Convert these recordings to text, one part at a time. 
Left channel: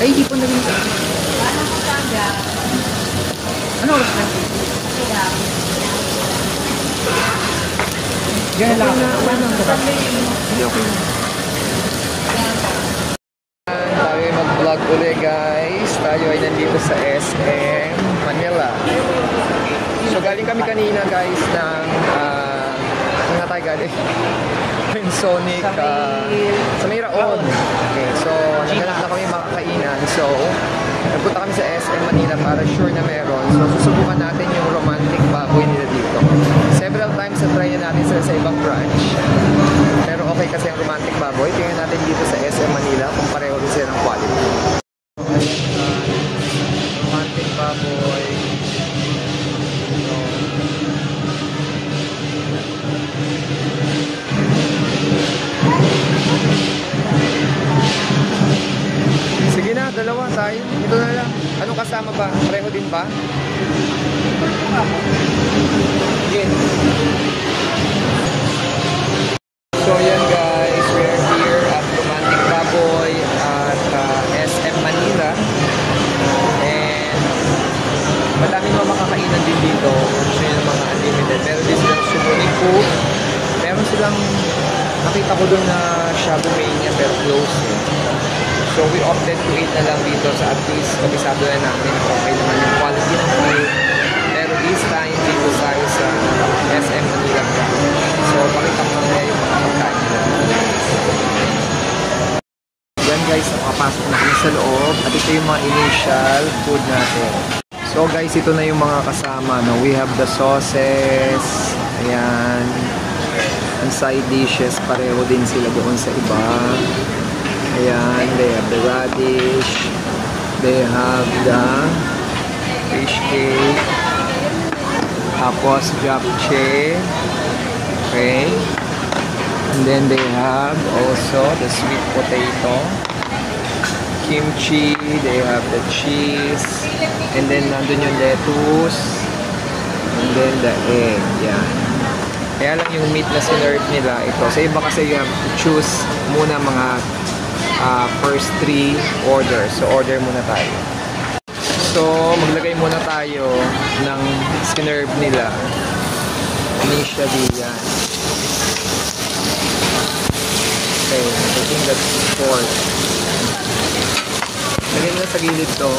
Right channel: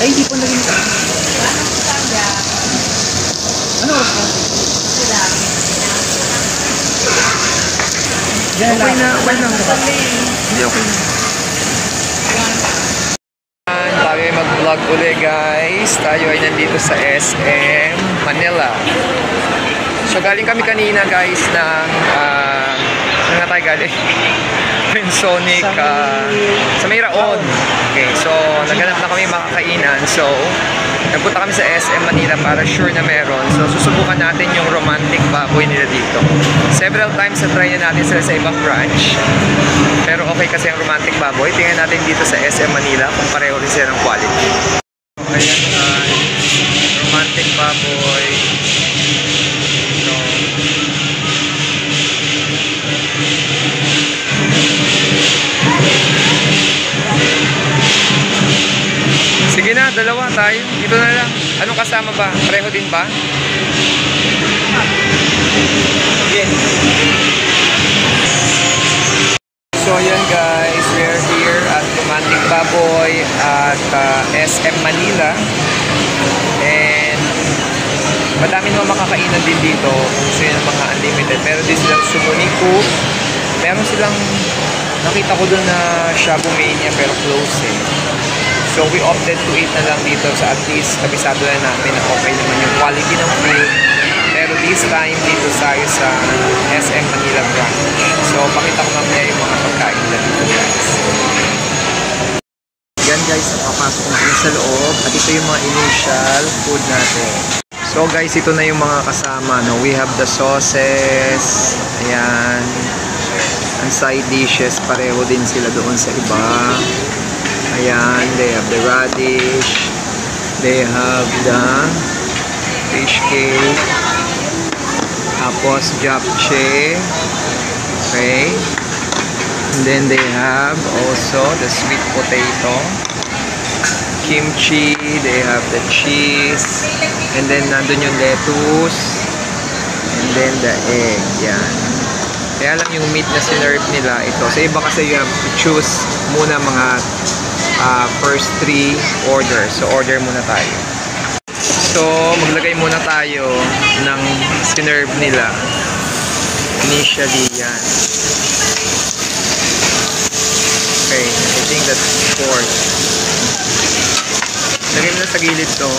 Ay, hindi po na rin ka. Ano oras na? Okay na, okay na. Hindi, okay na. Tayo ay mag-vlog ulit guys. Tayo ay nandito sa SM Manila. So galing kami kanina guys ng saan nga tayo galing? Pensonic sa Mayraon. Okay, so naghanap na kami makakainan. So nagpunta kami sa SM Manila para sure na meron. So susubukan natin yung romantic baboy nila dito. Several times na try na natin sila sa ibang branch. Pero okay kasi ang romantic baboy. Tingnan natin dito sa SM Manila kung pareho rin sila ng quality. Ayan, romantic baboy. So, sige na, dalawa tayo. Ito na lang. Anong kasama ba? Pareho din ba? Sige. So yan guys, we are here at Romantic Baboy at SM Manila. And madami naman makakainan din dito. Gusto yun ng mga unlimited. Meron din silang Suboniku. Meron silang, nakita ko doon na Shabu Mania pero close eh. So we opted to eat na lang dito sa at least kabisado na namin na okay naman yung quality ng food. Pero this time dito tayo sa SM Manila branch. So pakita ko mamaya yung mga pagkain nila dito guys. Yan guys, nakapasok na kami sa loob at ito yung mga initial food natin. So guys, ito na yung mga kasama, no? We have the sauces. Ayan. Ang side dishes, pareho din sila doon sa iba. Ayan, they have the radish. They have the fish cake. Tapos japchae. Okay. And then they have also the sweet potato. Kimchi. They have the cheese. And then nandun yung lettuce. And then the egg. Yan. Kaya lang yung meat na sinerve nila ito. Sa iba kasi you have to choose muna mga first 3 orders. So order muna tayo. So maglagay muna tayo ng sinerve nila. Initially yan. Okay, I think that's 4. Lagay mo na sa gilid to.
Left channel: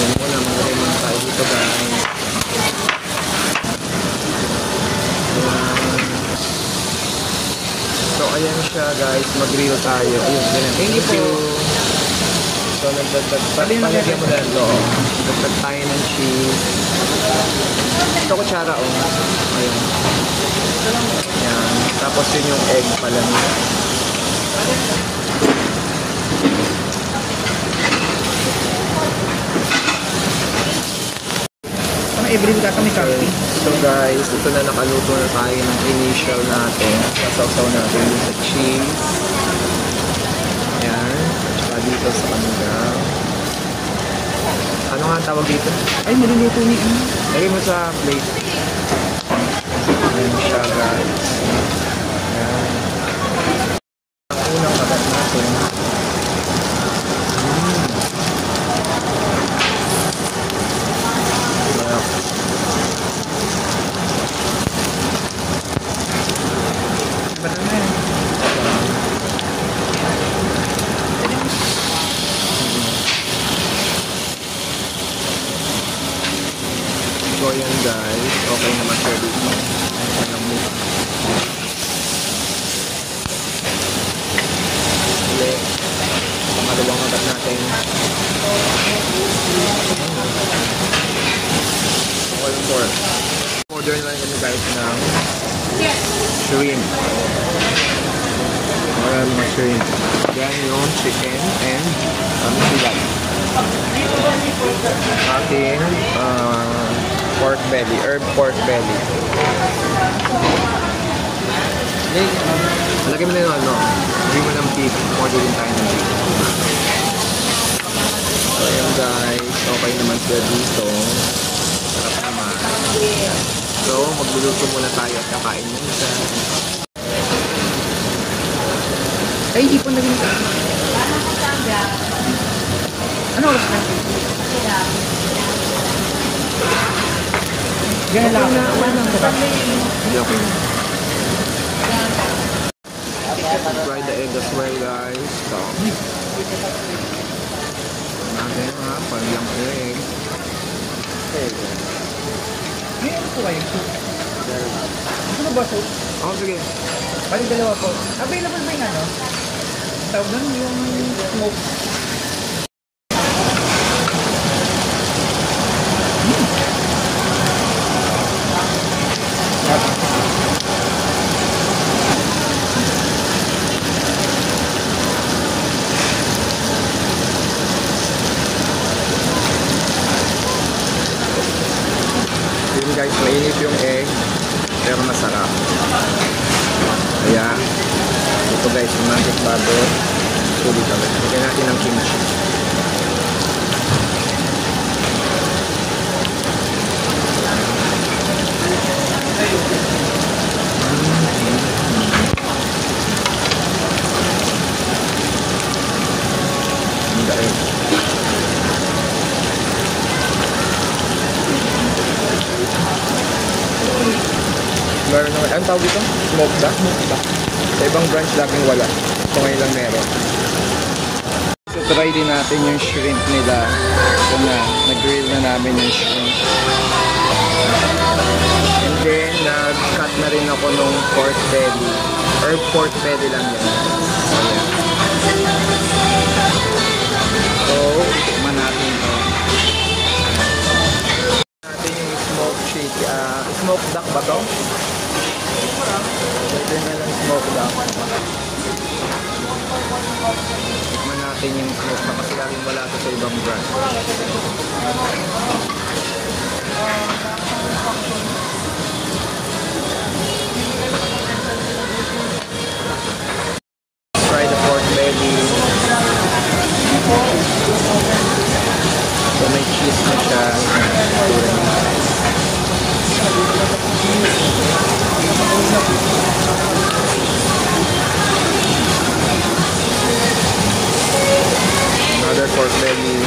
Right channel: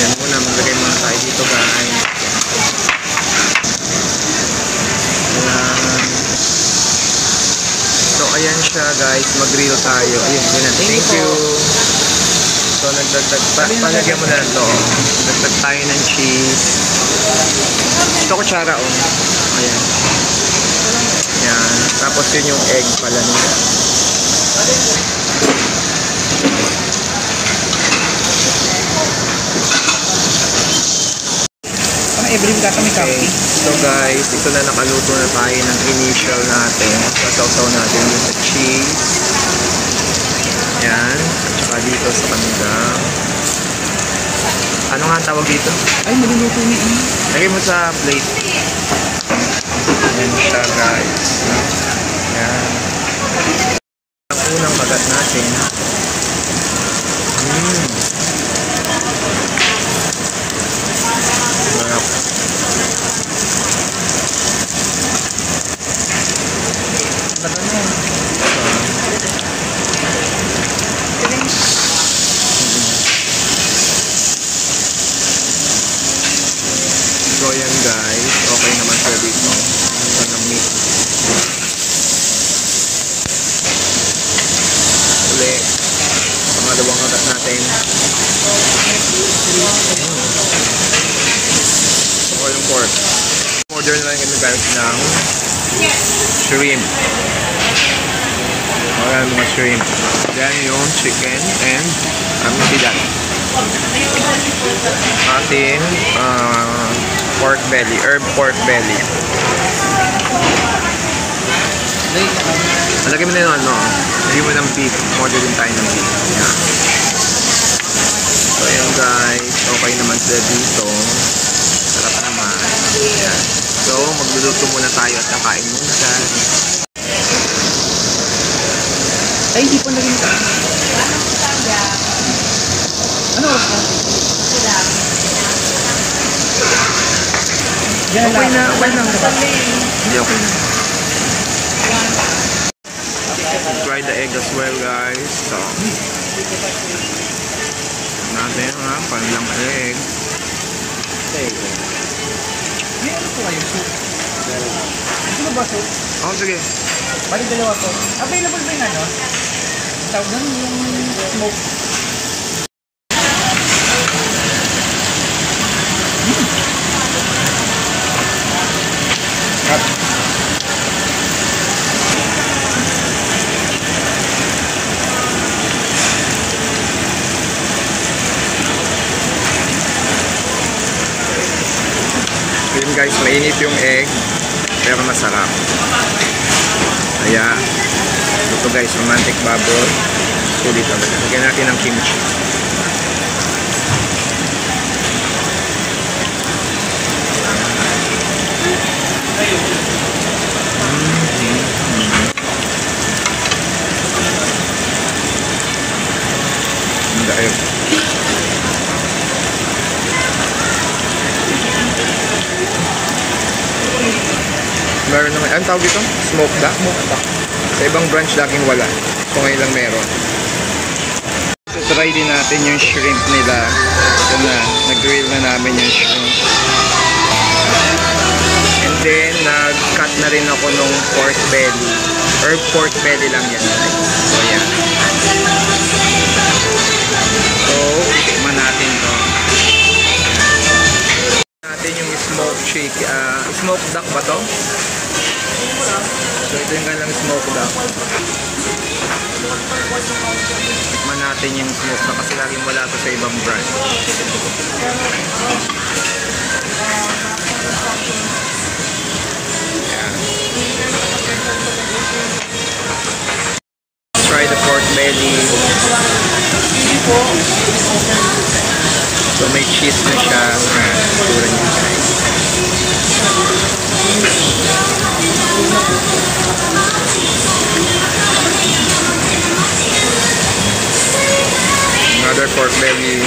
Yan muna, maglagay muna tayo dito guys. Ayan. So ayan siya guys, mag-grill tayo. Ayun, yan. Thank you. So nagdagdag, palagyan mo na ito. Nagdagdag tayo ng cheese. Ito kutsara oh. Ayan. Yan. Tapos yun yung egg pala nila. Every ka kami coffee. So guys, ito na nakaluto na tayo ng initial natin. Sasaw-saw natin yung sa cheese. Yan. Saka dito sa kanila. Ano nga ang tawag dito? Ay, maluluto ni E. Lagay mo sa plate. Yan siya guys. Yan. Ang unang kagat natin. Sarap. So yan guys, okay naman sila dito. Ang ng meat. Uli, pangalawang kagat natin. Okay yung pork. Order na lang kami guys ng shrimp. Wala mga shrimp. Then yung chicken and sila. Ating pork belly, herb pork belly. Lagay mo na yun, no? Lagay mo ng beef. Order din tayo ng beef. Yan. So, ayan guys. Okay naman sila dito. Sarap naman. Yan. So, magluluto muna tayo at kakain muna guys. Ay, hindi po naging ito. Ano oras na? Yan Okay na, okay lang. Hindi okay na. Try the egg as well, guys. So, natin ha, panlang egg. May ano po kayo? Soup? Ano ba soup? Oh, sige. Bali dalawa po. Available ba yung ano? Tawag doon yung smoke. Yun guys, mainit yung egg pero masarap. Kaya ito guys, romantic baboy. Sulit talaga. Lagyan natin ng kimchi. Dahil meron naman, anong tawag ito? Smoke duck? Sa ibang branch laging wala. So ngayon lang meron. So try din natin yung shrimp nila. Ito na, nag-grill na namin yung shrimp. And then, nag-cut na rin ako nung pork belly. Or pork belly lang yan. So yan. So, tikman natin to. Natin yung smoked chicken. Smoked duck ba to? So ito yung kanilang smoked duck. Tikman natin yung smoked duck kasi laging wala to sa ibang branch. Yeah. Let's try the pork belly. So may cheese na siya. Tura niya guys. Another pork belly.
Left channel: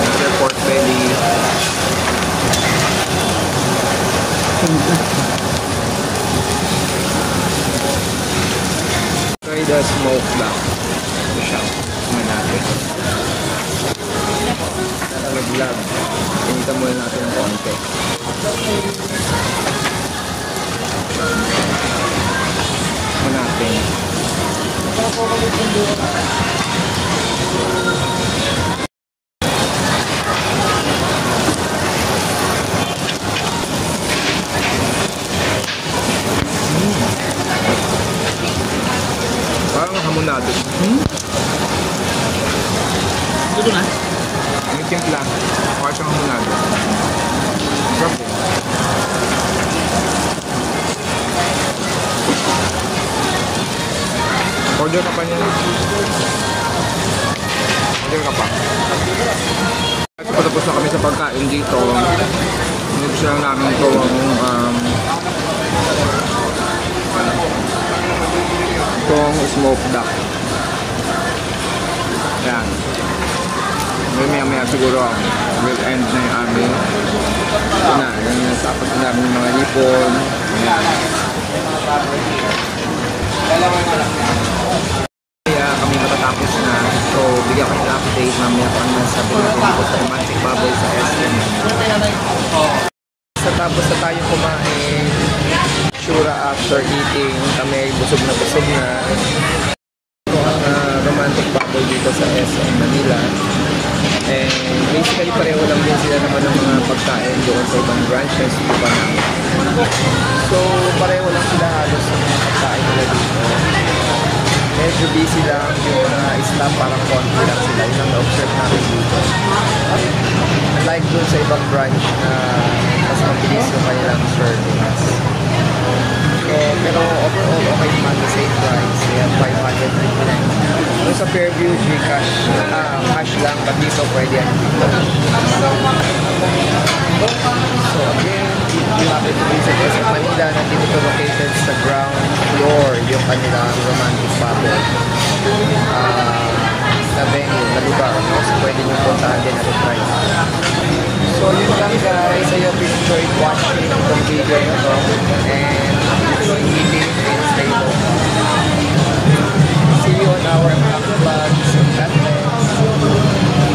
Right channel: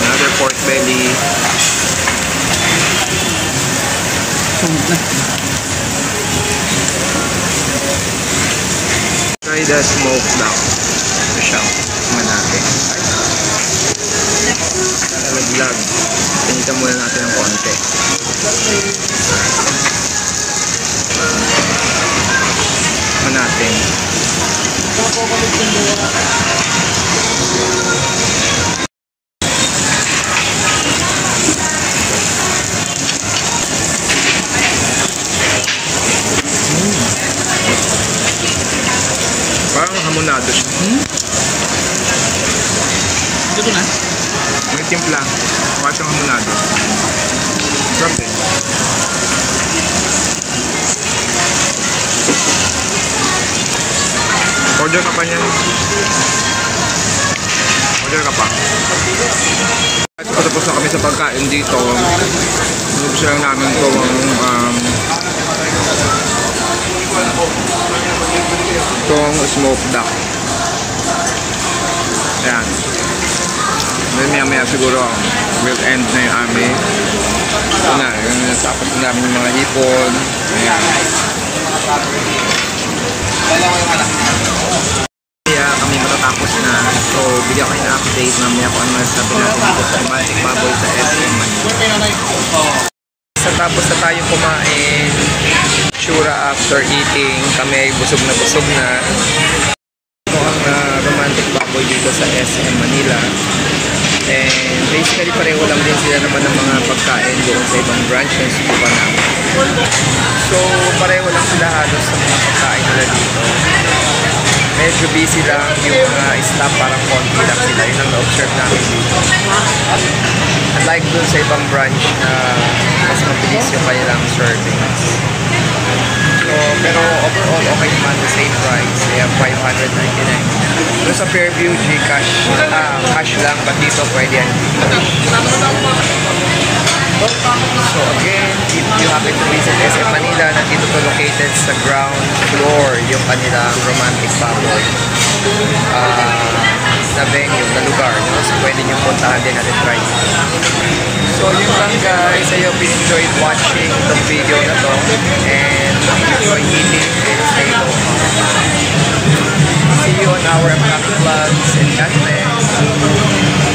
Another pork belly. Try the smoked duck. Ito siya. Tingnan natin. Nalaglag. Pinitan muna natin ng konti. Tingnan natin. Parang hamonado siya. Dito na? May timpla. Parang siyang hamonado. Sarap eh. Order ka pa niyan. Order ka pa. At patapos na kami sa pagkain dito. Nubos lang namin itong smoked duck. Ayan. Then maya siguro will end na yung aming. Ito na. Tapos na namin yung mga hipon. Ayan. Kaya kami matatapos na. So bigyan ko yung update mamaya kung ano masasabi natin dito sa romantic baboy sa SM Manila. Sa tapos na tayo kumain, sure after eating, kami ay busog na busog na. Ito ang romantic baboy dito sa SM Manila. And basically pareho lang din sila naman ng mga pagkain doon sa ibang branch na subukan namin. So pareho lang sila halos sa mga pagkain nila dito. Medyo busy lang yung mga staff, parang konti lang sila. Yun ang na-observe namin dito. Unlike doon sa ibang branch na mas mabilis yung kanilang serving. So So, pero overall, okay naman, the same price. They have 599. Doon sa Fairview, Gcash, cash lang, but dito pwede yan. So again, if you happen to visit SM Manila, nandito to located sa ground floor, yung kanilang romantic baboy. Na venue, na lugar, no? So pwede nyo puntahan din natin try. So yun lang guys, I hope you enjoyed watching itong video na to. And